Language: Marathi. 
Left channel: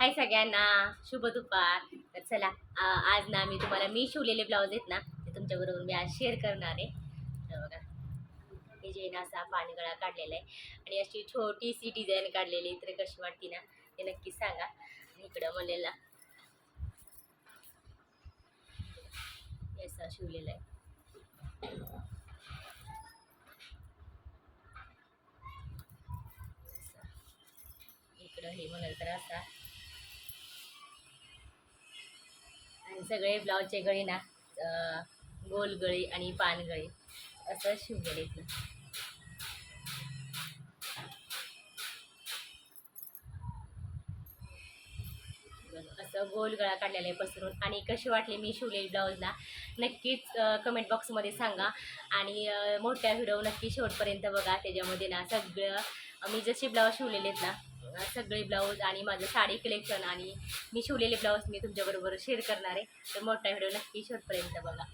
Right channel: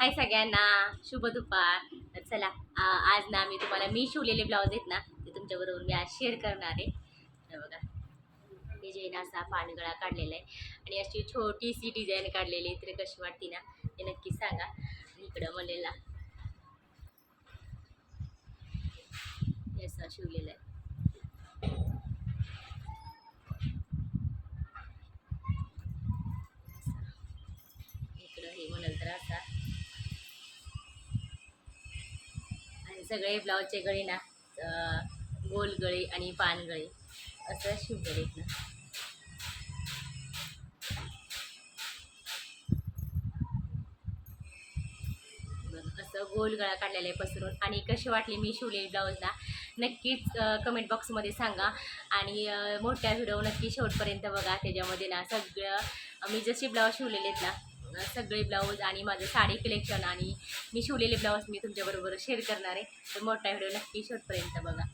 हाय सगळ्यांना, शुभ दुपार. तर चला, आज ना मी शिवलेले ब्लाऊज आहेत ना ते तुमच्याबरोबर मी आज शेअर करणार आहे. तर बघा, हे जे ना असा पानगळा काढलेला आहे आणि अशी छोटीशी डिझाईन काढलेली तर कशी वाटते ना ते नक्कीच सांगा. आणि इकडं मलेला हे असं शिवलेलं आहे. इकडं हे म्हणाल तर असा, आणि सगळे ब्लाऊजचे गळे ना गोल गळे आणि पानगळे असं शिवलेले आहेत ना. असं गोल गळा काढलेला आहे पसरून. आणि कशी वाटली मी शिवलेली ब्लाऊजला नक्कीच कमेंट बॉक्समध्ये सांगा. आणि मोठ्या व्हिडिओ नक्की शेवटपर्यंत बघा. त्याच्यामध्ये ना सगळं मी जशी ब्लाऊज शिवलेले आहेत ना सगळे ब्लाऊज आणि माझं साडी कलेक्शन आणि मी शिवलेले ब्लाऊज मी तुमच्याबरोबर शेअर करणार आहे. तर मोठा व्हिडिओ नक्की शेवटपर्यंत बघा.